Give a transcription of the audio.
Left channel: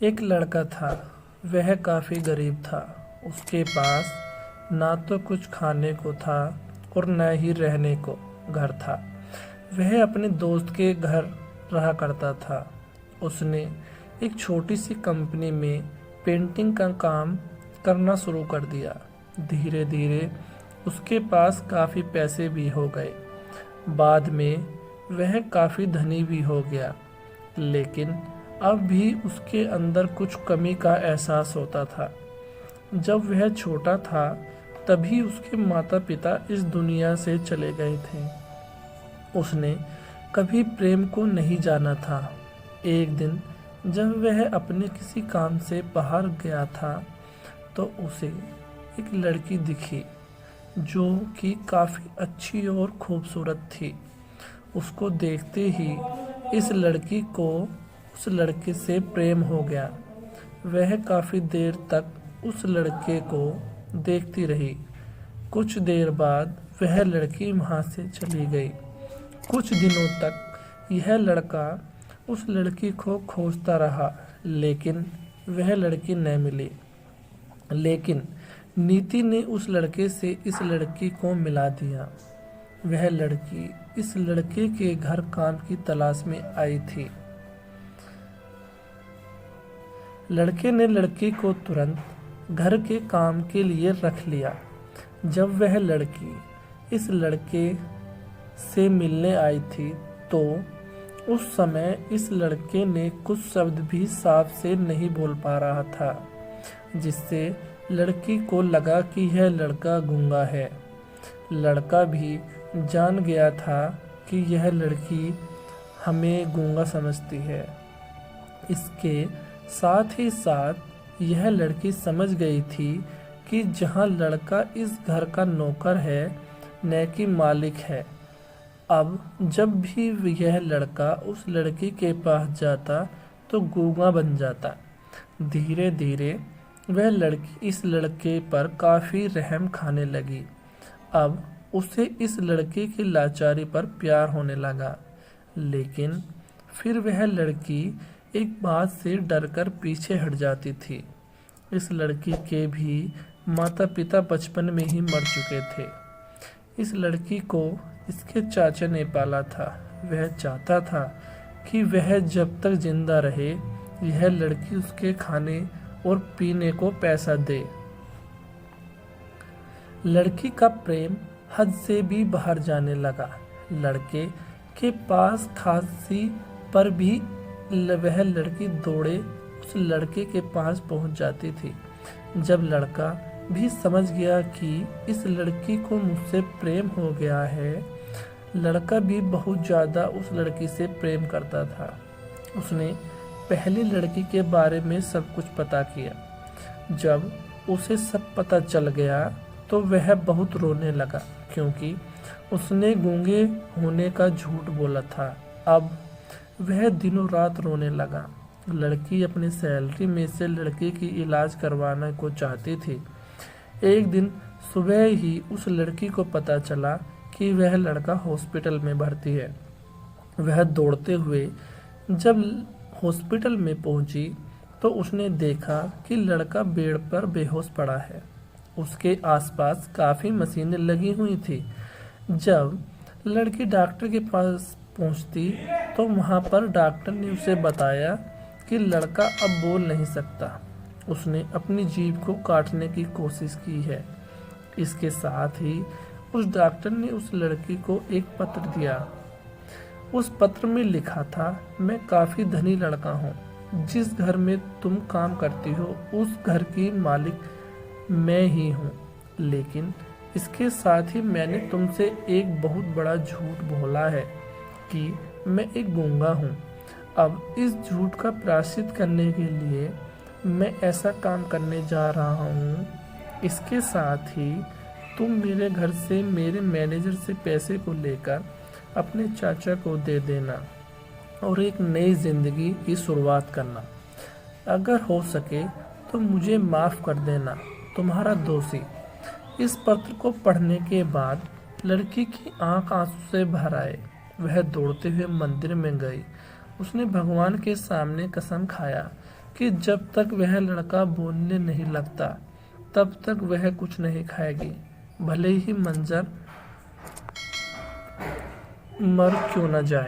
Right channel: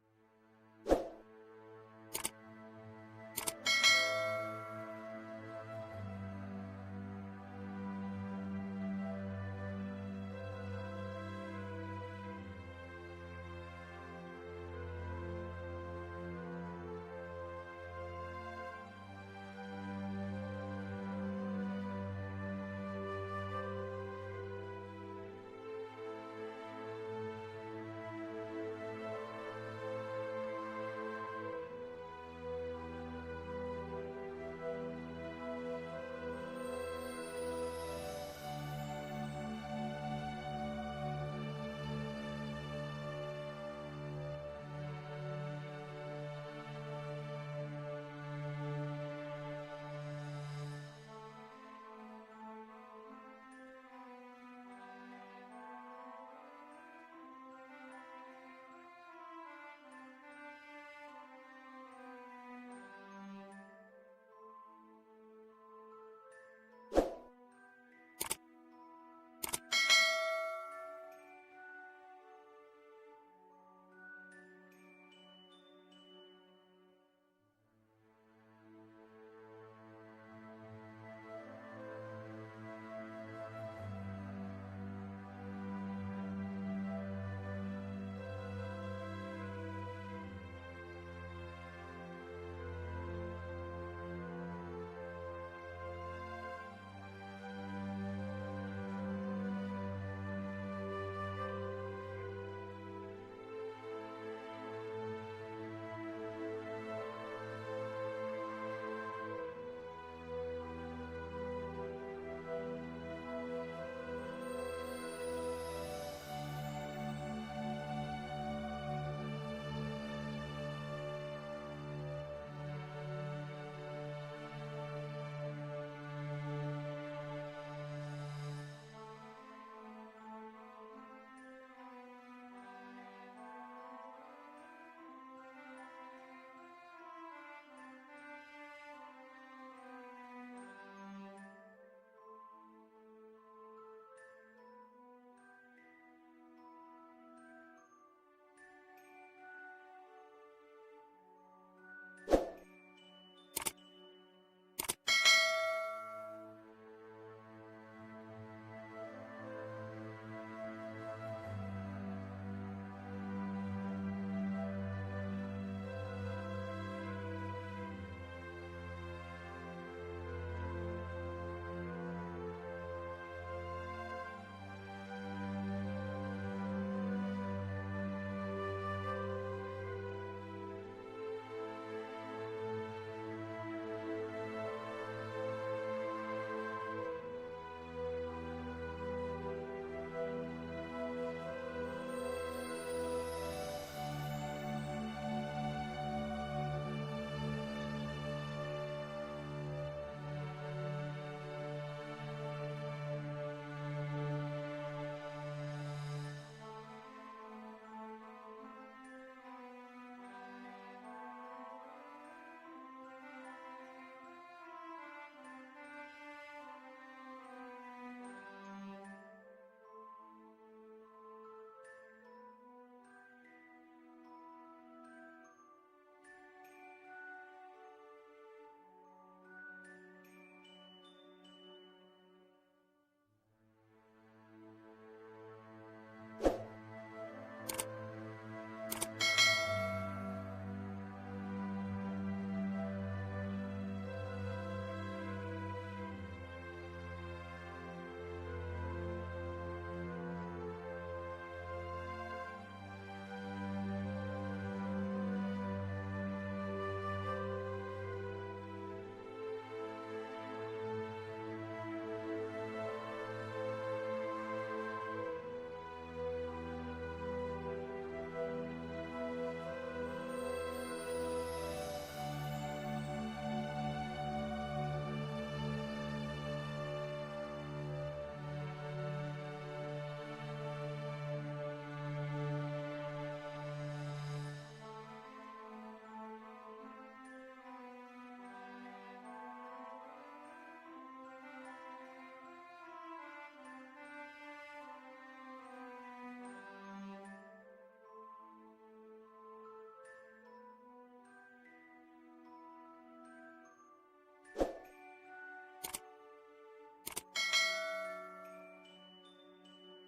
एक लड़का था। वह काफ़ी गरीब था। उसके पास ना तो कुछ खाने को था और न ही रहने को घर था। वह अपने दोस्त के घर रहा करता था। उसने एक छोटी सी कंपनी में पेंटिंग का काम करना शुरू कर दिया। धीरे धीरे उसके पास काफ़ी पैसे भी हो गए। बाद में वह काफ़ी धनी भी हो गया, लेकिन अब भी उसके अंदर कुछ कमी का एहसास होता था। जब वह छोटा था तभी उसके माता पिता इस दुनिया से चले गए थे। उसने कभी प्रेम को नहीं जाना था। एक दिन जब वह अपने किसी काम से बाहर गया था तो उसे एक लड़की दिखी जो कि काफ़ी अच्छी और खूबसूरत थी। उसको देखते ही इस लड़की को उस लड़के से प्रेम हो गया। वह काफ़ी देर तक उस लड़के को देखती रही। कुछ देर बाद वह लड़की वहाँ से चली गई। कुछ दिनों तक यह लड़का उस लड़की को खोजता रहा, लेकिन वह लड़की न मिली। लेकिन नीति ने उस लड़के से इस लड़की को मिला दिया। वह लड़की इस लड़के के घर काम की तलाश में आई थी। लड़के ने लड़की को तुरंत घर के काम के लिए रख लिया। जब वह लड़की इस लड़के से मिलने आई थी तो उस समय इस लड़के ने कुछ शब्द भी साफ से नहीं बोल पा रहा था, जिससे लड़की को लगा कि यह लड़का गूंगा है। लड़का भी जान गया था कि यह लड़की हमें गूंगा समझती है। इसके साथ ही साथ यह लड़की समझ गई थी कि जहाँ लड़का इस घर का नौकर है न कि मालिक है। अब जब भी यह लड़का उस लड़की के पास जाता तो गूंगा बन जाता। धीरे धीरे वह लड़की इस लड़के पर काफ़ी रहम खाने लगी। अब उसे इस लड़के की लाचारी पर प्यार होने लगा, लेकिन फिर वह लड़की एक बात से डरकर पीछे हट जाती थी। इस लड़की के भी माता पिता बचपन में ही मर चुके थे। इस लड़की को इसके चाचा ने पाला था। वह चाहता था कि वह जब तक जिंदा रहे यह लड़की उसके खाने और पीने को पैसा दे। लड़की का प्रेम हद से भी बाहर जाने लगा। लड़के के पास खांसी पर भी वह लड़की दौड़े उस लड़के के पास पहुंच जाती थी। जब लड़का भी समझ गया कि इस लड़की को मुझसे प्रेम हो गया है, लड़का भी बहुत ज़्यादा उस लड़की से प्रेम करता था। उसने पहली लड़की के बारे में सब कुछ पता किया। जब उसे सब पता चल गया तो वह बहुत रोने लगा, क्योंकि उसने गूंगे होने का झूठ बोला था। अब वह दिनों रात रोने लगा। लड़की अपनी सैलरी में से लड़के की इलाज करवाने को चाहती थी। एक दिन सुबह ही उस लड़की को पता चला कि वह लड़का हॉस्पिटल में भर्ती है। वह दौड़ते हुए जब हॉस्पिटल में पहुंची तो उसने देखा कि लड़का बेड पर बेहोश पड़ा है। उसके आसपास काफ़ी मशीनें लगी हुई थी। जब लड़की डॉक्टर के पास पहुंचती तो वहां पर डॉक्टर ने उसे बताया कि लड़का अब बोल नहीं सकता। उसने अपनी जीभ को काटने की कोशिश की है। इसके साथ ही उस डॉक्टर ने उस लड़की को एक पत्र दिया। उस पत्र में लिखा था, मैं काफ़ी धनी लड़का हूँ। जिस घर में तुम काम करती हो उस घर की मालिक मैं ही हूँ, लेकिन इसके साथ ही मैंने तुमसे एक बहुत बड़ा झूठ बोला है कि मैं एक गूंगा हूँ। अब इस झूठ का प्रायश्चित करने के लिए मैं ऐसा काम करने जा रहा हूँ। इसके साथ ही तुम मेरे घर से मेरे मैनेजर से पैसे को लेकर अपने चाचा को दे देना और एक नई ज़िंदगी की शुरुआत करना। अगर हो सके तो मुझे माफ़ कर देना, तुम्हारा दोषी। इस पत्र को पढ़ने के बाद लड़की की आंख आंसू से भर आए। वह दौड़ते हुए मंदिर में गई। उसने भगवान के सामने कसम खाया कि जब तक वह लड़का बोलने नहीं लगता तब तक वह कुछ नहीं खाएगी, भले ही मंजर मर क्यों न जाए।